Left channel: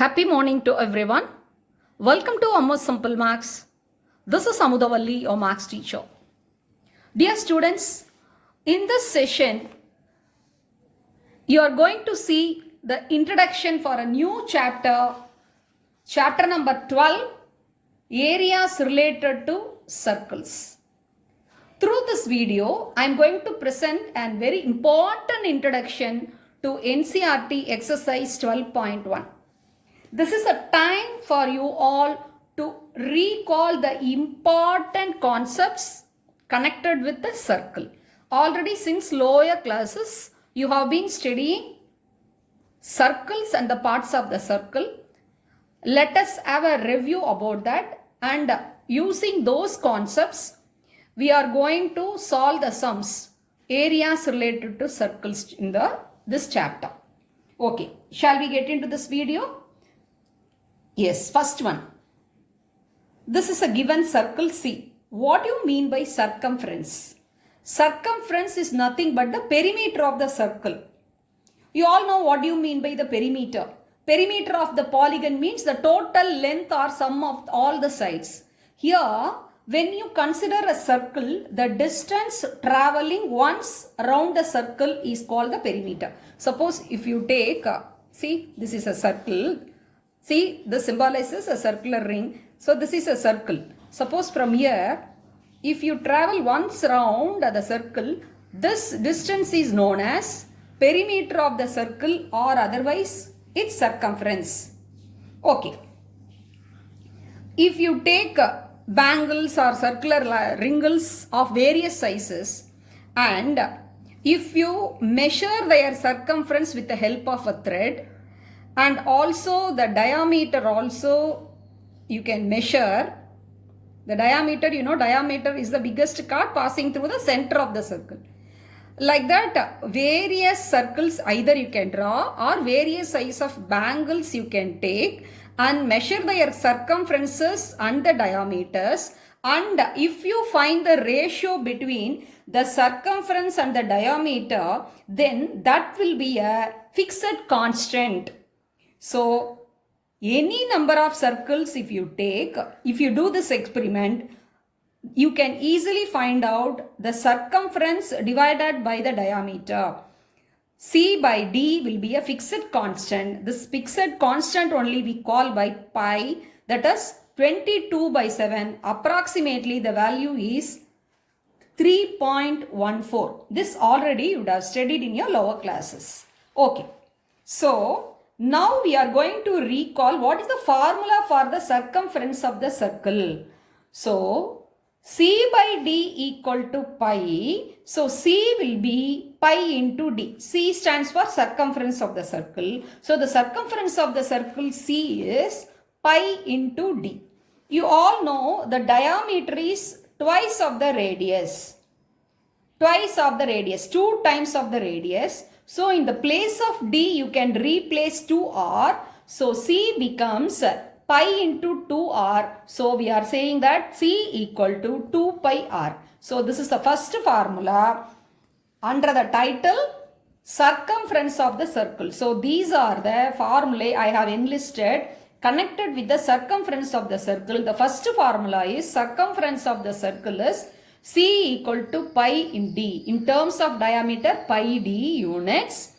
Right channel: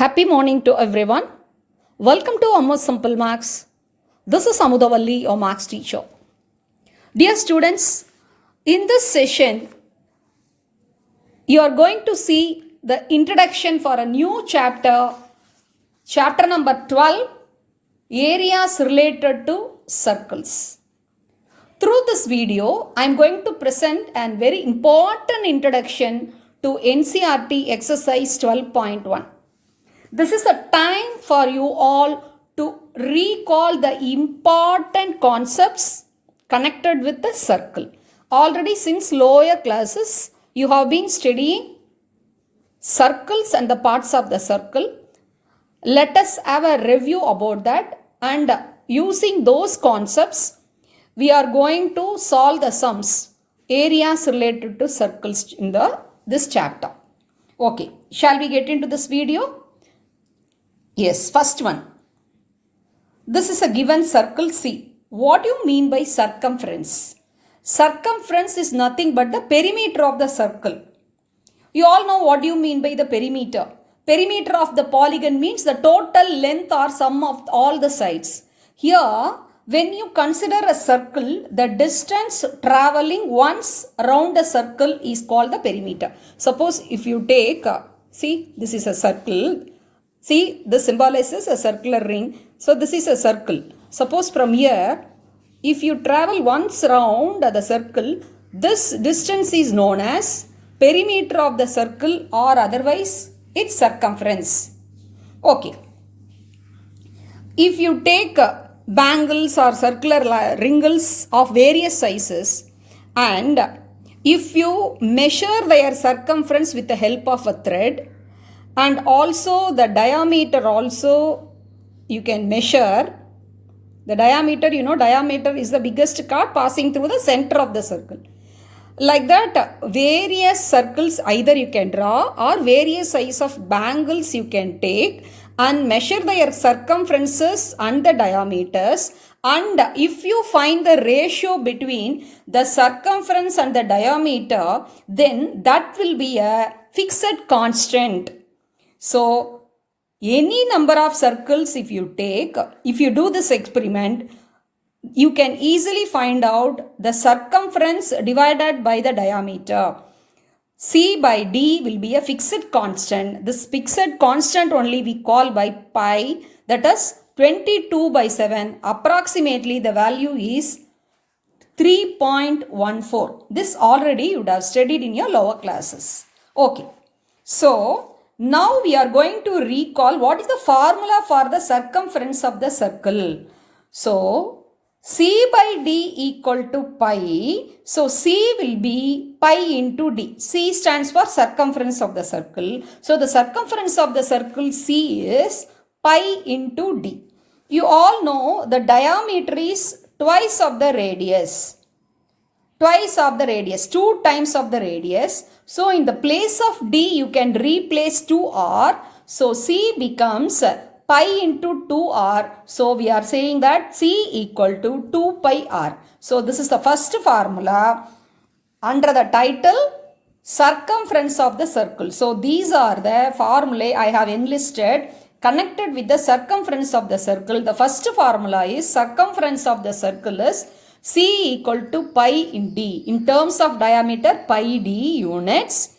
Happy morning to everyone. Welcome to Ammu Simple Maths. This is R.AMUTHAVALLI, your Maths teacher. Dear students, in this session, you are going to see the introduction for a new chapter, chapter number 12, areas related to circles. Through this video, I am going to present a very important introduction to Ncert exercise 12.1. This is a time for you all to recall the important concepts connected with the circle. Already since lower classes, you have been studying circles and the parts of the circle. Let us have a review about that, and using those concepts, we are going to solve the sums, areas related to circles in this chapter. Okay, shall we get into this video? Yes, first one. This is a given circle C. What do you mean by circumference? Circumference is nothing but the perimeter of the circle. You all know what do you mean by the perimeter. Perimeter of the polygon means the total length or sum of all the sides. Here, when you consider a circle, the distance traveling once around a circle is called the perimeter. Suppose if you take, see, this is a circle. See, this symbolizes a circular ring. So, this is a circle. Suppose from here, if you travel once round the circle, this distance is known as perimeter of the circle, or otherwise its circumference. Okay. If you take bangles or circular rings of various sizes, and if you measure their circumference with the help of a thread, and also the diameter also you can measure. The diameter, diameter is the biggest chord passing through the center of the circle. Like that, various circles either you can draw, or various size of bangles you can take and measure their circumferences and the diameters. And if you find the ratio between the circumference and the diameter, then that will be a fixed constant. So, any number of circles if you take, if you do this experiment, you can easily find out the circumference divided by the diameter. C by D will be a fixed constant. This fixed constant only we call by pi, that is 22 by 7. Approximately the value is 3.14. This already you would have studied in your lower classes. Okay. So, now we are going to recall what is the formula for the circumference of the circle. So, C by D equal to pi. So, C will be pi into D. C stands for circumference of the circle. So, the circumference of the circle C is pi into D. You all know the diameter is twice of the radius. Twice of the radius, 2 times of the radius. So, in the place of D, you can replace 2r. So, C becomes pi into 2r. So, we are saying that C equal to 2 pi r. So, this is the first formula under the title circumference of the circle. So, these are the formulae I have enlisted connected with the circumference of the circle. The first formula is circumference of the circle is C equal to pi in D. In terms of diameter, pi D units.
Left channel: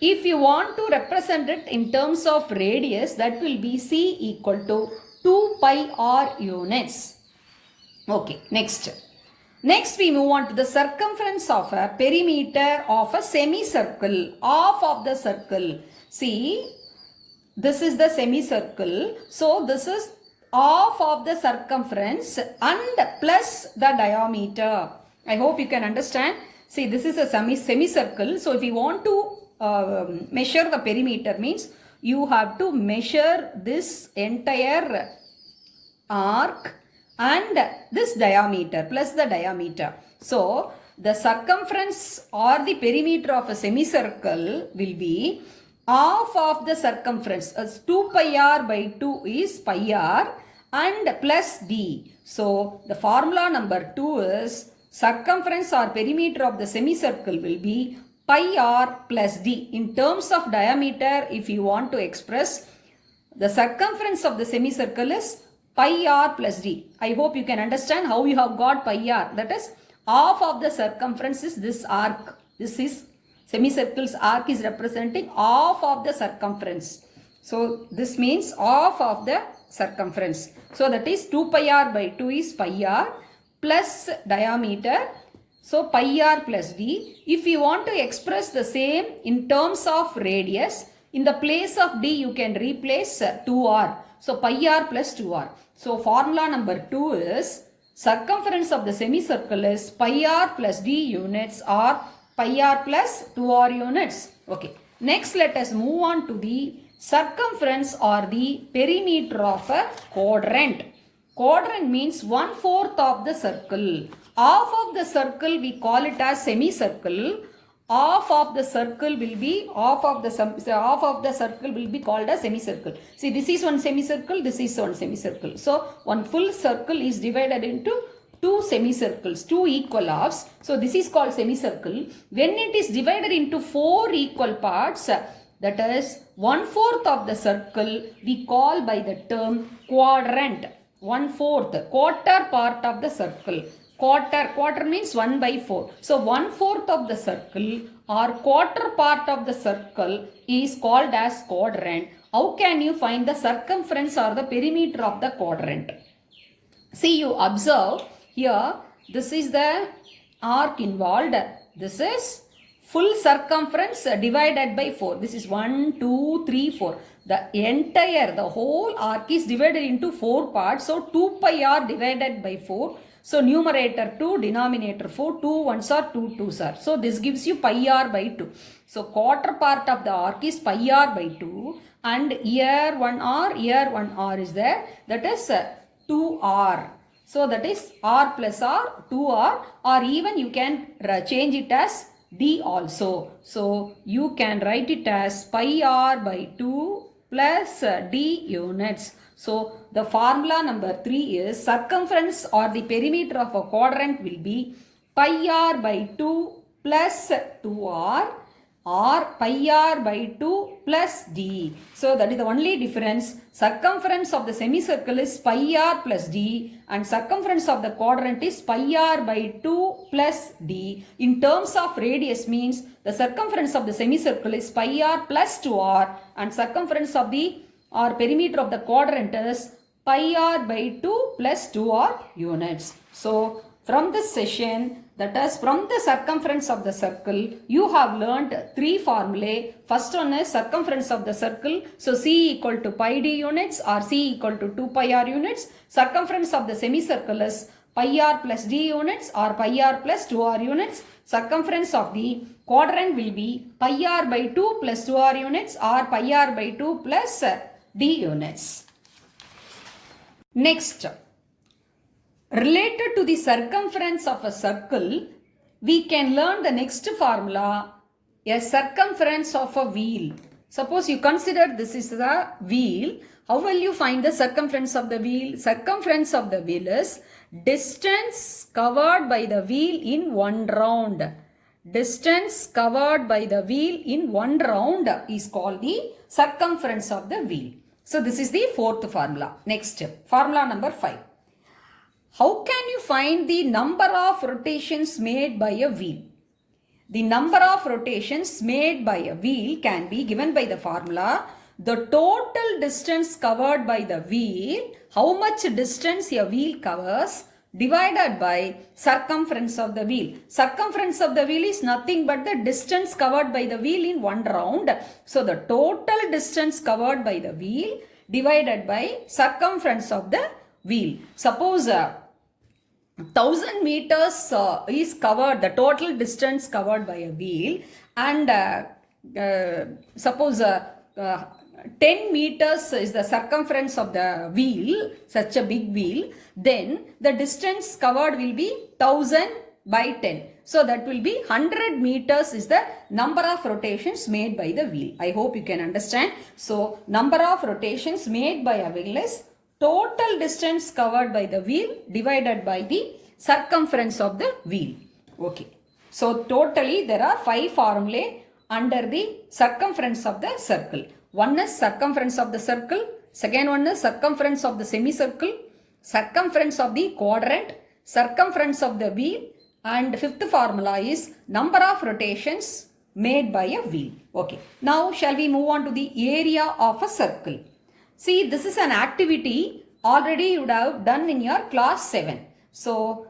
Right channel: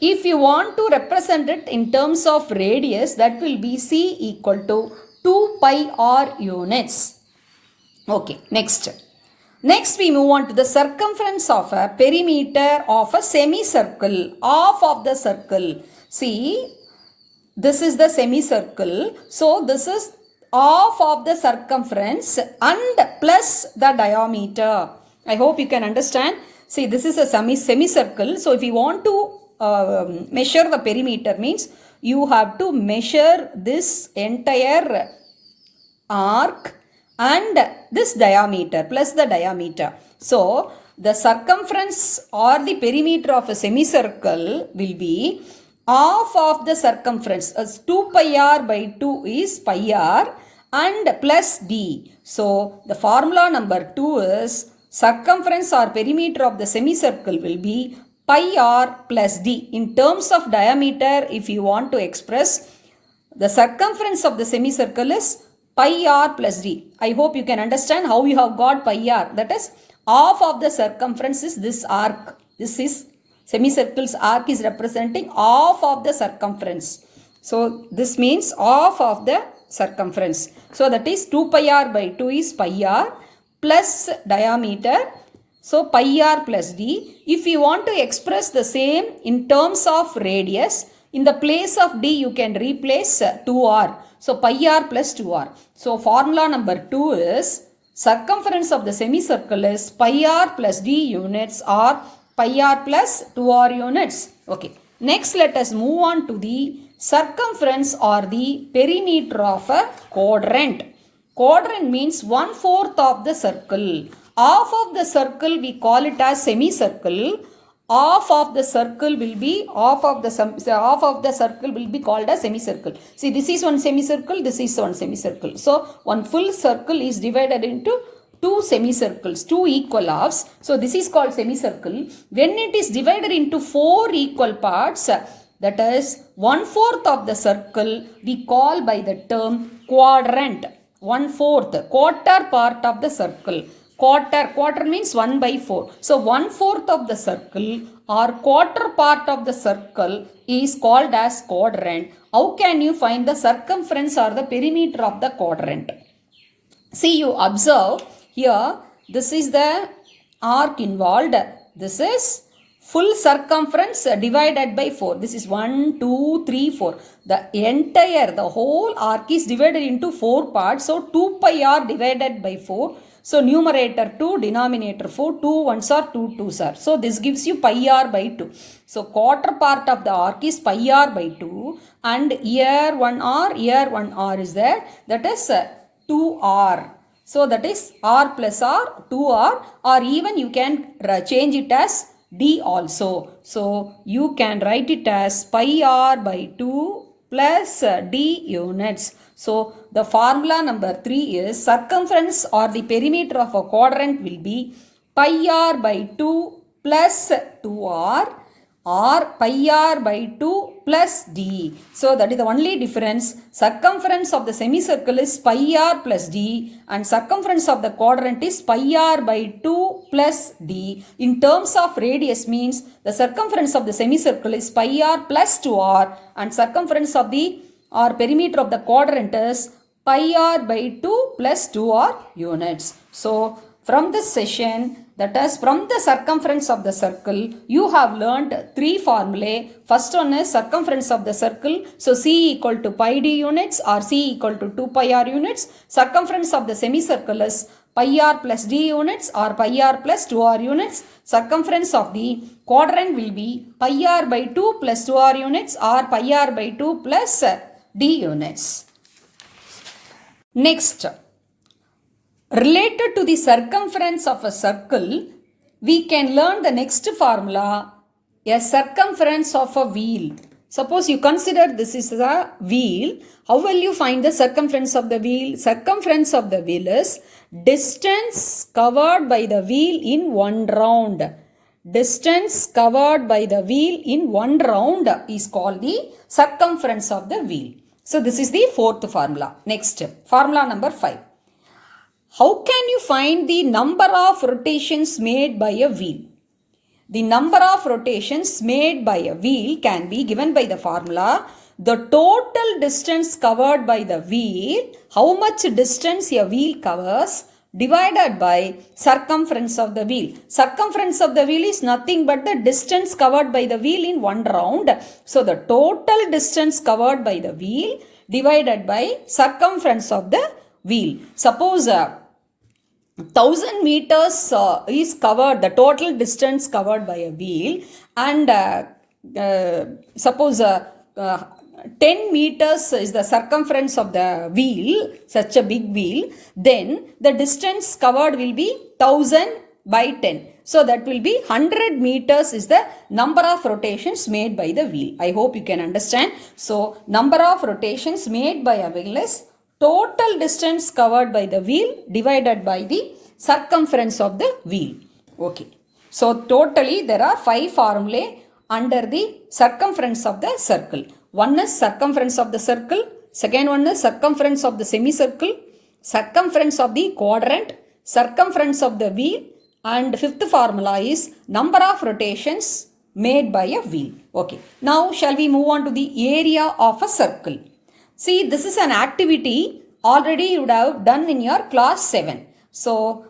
If you want to represent it in terms of radius, that will be C equal to 2 pi r units. Okay, next. Next we move on to the circumference of a perimeter of a semicircle, half of the circle. See, this is the semicircle. So, this is half of the circumference and plus the diameter. I hope you can understand. See, this is a semicircle. So, if you want to measure the perimeter, means you have to measure this entire arc and this diameter plus the diameter. So, the circumference or the perimeter of a semicircle will be half of the circumference. As 2 pi r by 2 is pi r and plus D. So, the formula number 2 is circumference or perimeter of the semicircle will be pi r plus D. In terms of diameter, if you want to express, The circumference of the semicircle is pi r plus d. I hope you can understand how you have got pi r. That is, half of the circumference is this arc. This is semicircle's arc is representing half of the circumference. So this means half of the circumference. So that is 2 pi r by 2 is pi r plus diameter. So pi r plus d. If you want to express the same in terms of radius, in the place of d you can replace 2r. So pi r plus 2r. So formula number 2 is circumference of the semicircle is pi r plus d units or pi r plus 2r units. Okay. Next let us move on to the circumference or the perimeter of a quadrant. Quadrant means 1/4 of the circle. Half of the circle we call it as semicircle. Half of the circle will be called as semicircle. See, this is one semicircle, this is one semicircle. So one full circle is divided into two semicircles, two equal halves. So this is called semicircle. When it is divided into 4 equal parts, that is 1/4 of the circle, we call by the term quadrant. 1/4, quarter part of the circle. Quarter means 1/4. So 1/4 of the circle or quarter part of the circle is called as quadrant. How can you find the circumference or the perimeter of the quadrant? See, you observe here, this is the arc involved. This is full circumference divided by 4. This is 1, 2, 3, 4. The whole arc is divided into 4 parts. So 2 pi r divided by 4. So numerator 2, denominator 4, 2 1s are 2 2s are. So this gives you pi r by 2. So quarter part of the arc is pi r by 2 and here 1 r is there. That is 2r. So that is r plus r, 2r, or even you can change it as d also. So you can write it as pi r by 2 plus d units. So the formula number 3 is circumference or the perimeter of a quadrant will be pi r by 2 plus 2r or pi r by 2 plus d. So that is the only difference. Circumference of the semicircle is pi r plus d and circumference of the quadrant is pi r by 2 plus d. In terms of radius means the circumference of the semicircle is pi r plus 2r and circumference of the or perimeter of the quadrant is pi r by 2 plus 2r units. So from this session, that is from the circumference of the circle, you have learnt 3 formulae. First one is circumference of the circle. So C equal to pi d units or C equal to 2 pi r units. Circumference of the semicircle is pi r plus d units or pi r plus 2r units. Circumference of the quadrant will be pi r by 2 plus 2r units or pi r by 2 plus d units. Next, related to the circumference of a circle, we can learn the next formula, a circumference of a wheel. Suppose you consider this is the wheel. How will you find the circumference of the wheel? Circumference of the wheel is distance covered by the wheel in one round. Distance covered by the wheel in one round is called the circumference of the wheel. So this is the 4th formula. Next, formula number 5. How can you find the number of rotations made by a wheel? The number of rotations made by a wheel can be given by the formula the total distance covered by the wheel, how much distance a wheel covers, divided by circumference of the wheel. Circumference of the wheel is nothing but the distance covered by the wheel in one round. So the total distance covered by the wheel divided by circumference of the wheel. Suppose 1000 meters is covered, the total distance covered by a wheel, and suppose 10 meters is the circumference of the wheel, such a big wheel, then the distance covered will be 1000 by 10. So that will be 100 meters is the number of rotations made by the wheel. I hope you can understand. So number of rotations made by a wheel is total distance covered by the wheel divided by the circumference of the wheel. Okay. So totally there are 5 formulae under the circumference of the circle. One is circumference of the circle, second one is circumference of the semicircle, circumference of the quadrant, circumference of the wheel, and fifth formula is number of rotations made by a wheel. Okay, now shall we move on to the area of a circle. See, this is an activity already you would have done in your class 7. So,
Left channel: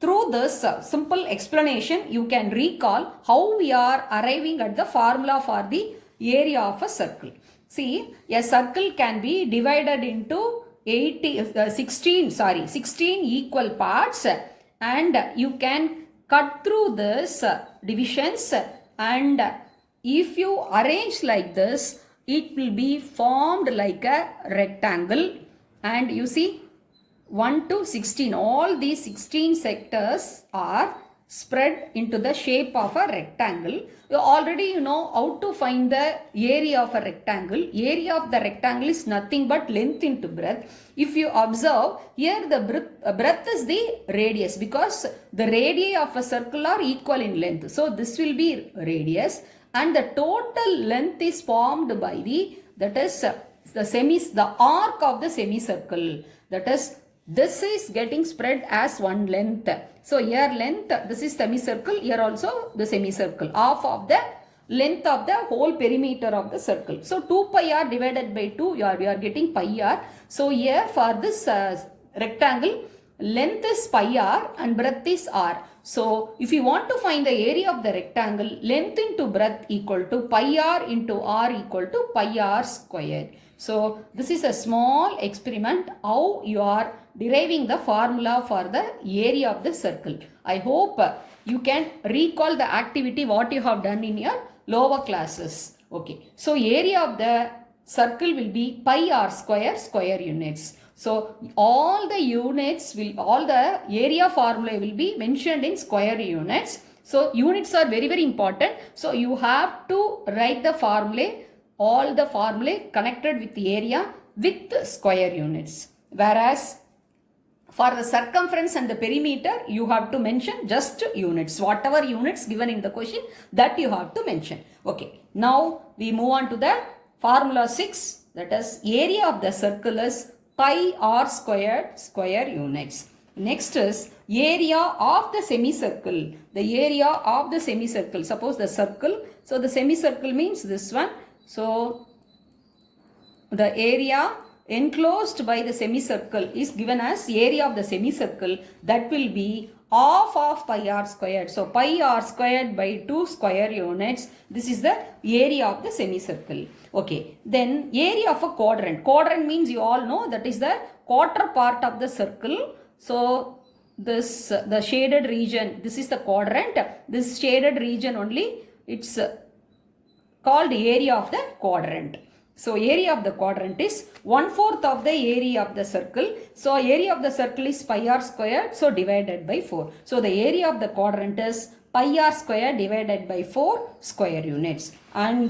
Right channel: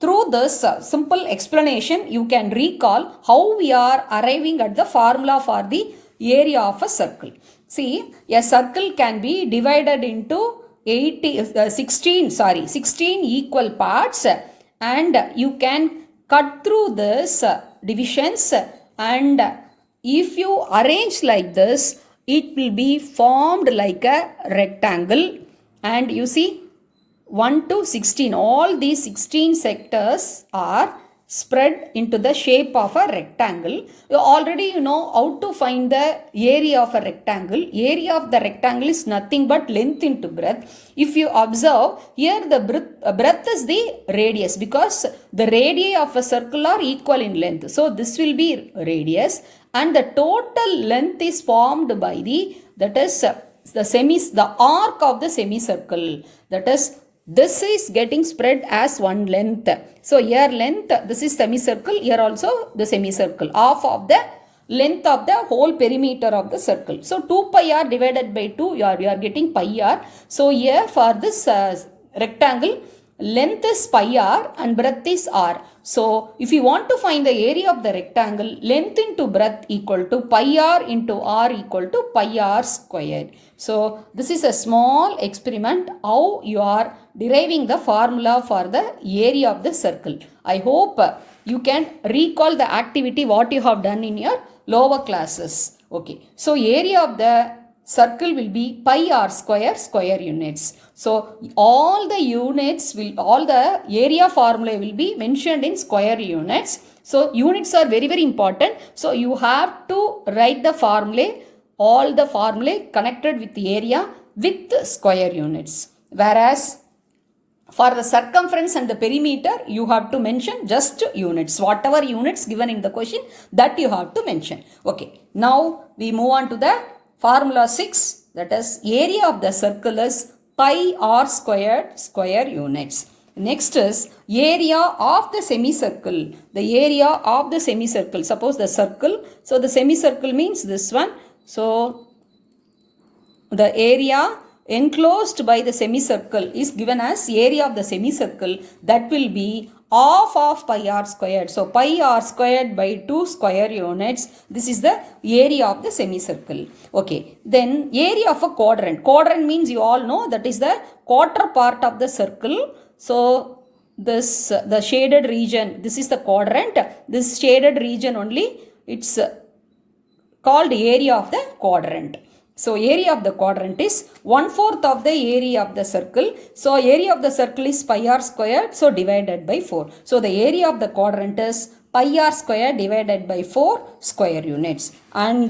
through this simple explanation, you can recall how we are arriving at the formula for the area of a circle. See, a circle can be divided into 16 equal parts, and you can cut through this divisions, and if you arrange like this, it will be formed like a rectangle. And you see 1 to 16, all these 16 sectors are spread into the shape of a rectangle. You already know how to find the area of a rectangle. Area of the rectangle is nothing but length into breadth. If you observe, here the breadth is the radius, because the radii of a circle are equal in length. So this will be radius, and the total length is formed by the arc of the semicircle. That is, this is getting spread as one length. So here length, this is semicircle, here also the semicircle, half of the length of the whole perimeter of the circle. So 2 pi r divided by 2, you are getting pi r. So here for this rectangle, length is pi r and breadth is r. So if you want to find the area of the rectangle, length into breadth equal to pi r into r equal to pi r squared. So this is a small experiment how you are deriving the formula for the area of the circle. I hope you can recall the activity what you have done in your lower classes. Okay. So area of the circle will be pi r square units. So all the area formula will be mentioned in square units. So units are very, very important. So you have to write the formulae, all the formulae connected with the area with square units. Whereas for the circumference and the perimeter, you have to mention just units. Whatever units given in the question, that you have to mention. Okay. Now we move on to the formula 6. That is, area of the circle is pi r square units. Next is area of the semicircle. The area of the semicircle. Suppose the circle. So the semicircle means this one. So the area enclosed by the semicircle is given as area of the semicircle. That will be half of pi r squared. So pi r squared by 2 square units. This is the area of the semicircle. Okay. Then area of a quadrant. Quadrant means you all know that is the quarter part of the circle. So this the shaded region, this is the quadrant. This shaded region only, it's called area of the quadrant. So area of the quadrant is 1/4 of the area of the circle. So area of the circle is pi r squared. So divided by 4. So the area of the quadrant is pi r squared divided by 4 square units. And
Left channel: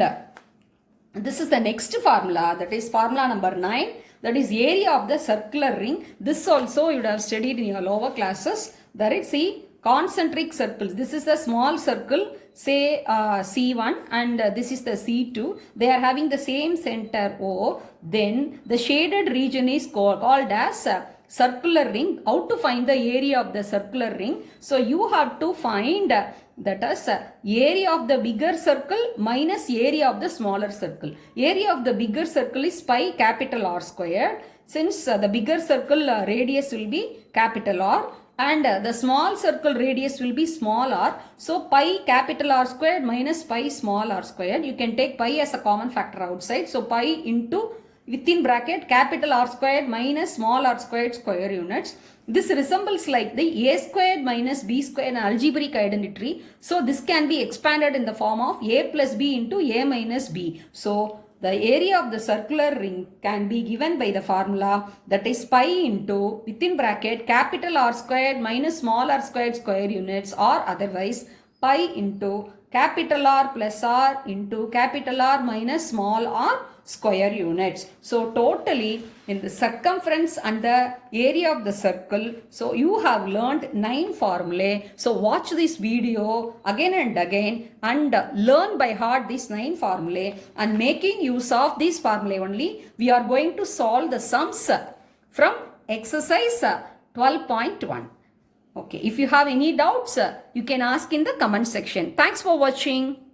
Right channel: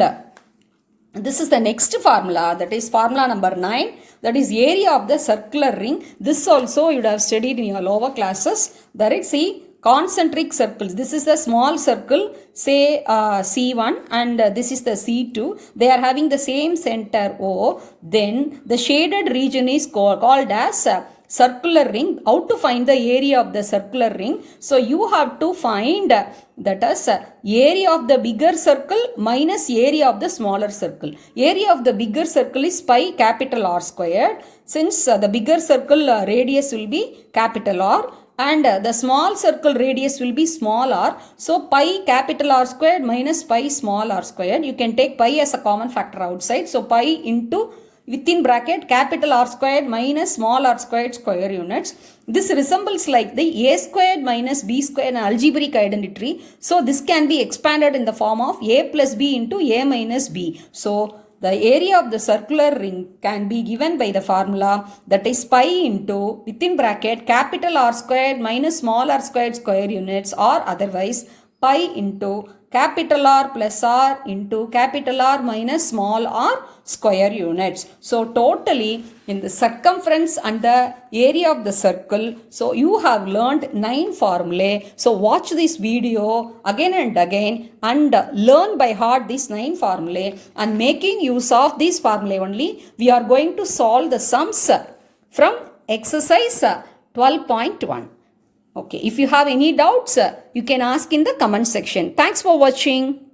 this is the next formula, that is formula number 9. That is area of the circular ring. This also you would have studied in your lower classes. There is concentric circles. This is a small circle, say C1, and this is the C2. They are having the same center O. Then the shaded region is called as circular ring. How to find the area of the circular ring? So you have to find that as area of the bigger circle minus area of the smaller circle. Area of the bigger circle is pi capital R squared. Since the bigger circle radius will be capital R, and the small circle radius will be small r. So pi capital R squared minus pi small r squared. You can take pi as a common factor outside. So pi into within bracket capital R squared minus small r squared square units. This resembles like the a squared minus b squared algebraic identity. So this can be expanded in the form of a plus b into a minus b. So the area of the circular ring can be given by the formula, that is pi into within bracket capital R squared minus small r squared square units, or otherwise pi into capital R plus R into capital R minus small r square units. So totally in the circumference and the area of the circle, so you have learned 9 formulae. So watch this video again and again and learn by heart these 9 formulae, and making use of these formulae only we are going to solve the sums from exercise 12.1. Okay, if you have any doubts, you can ask in the comment section. Thanks for watching.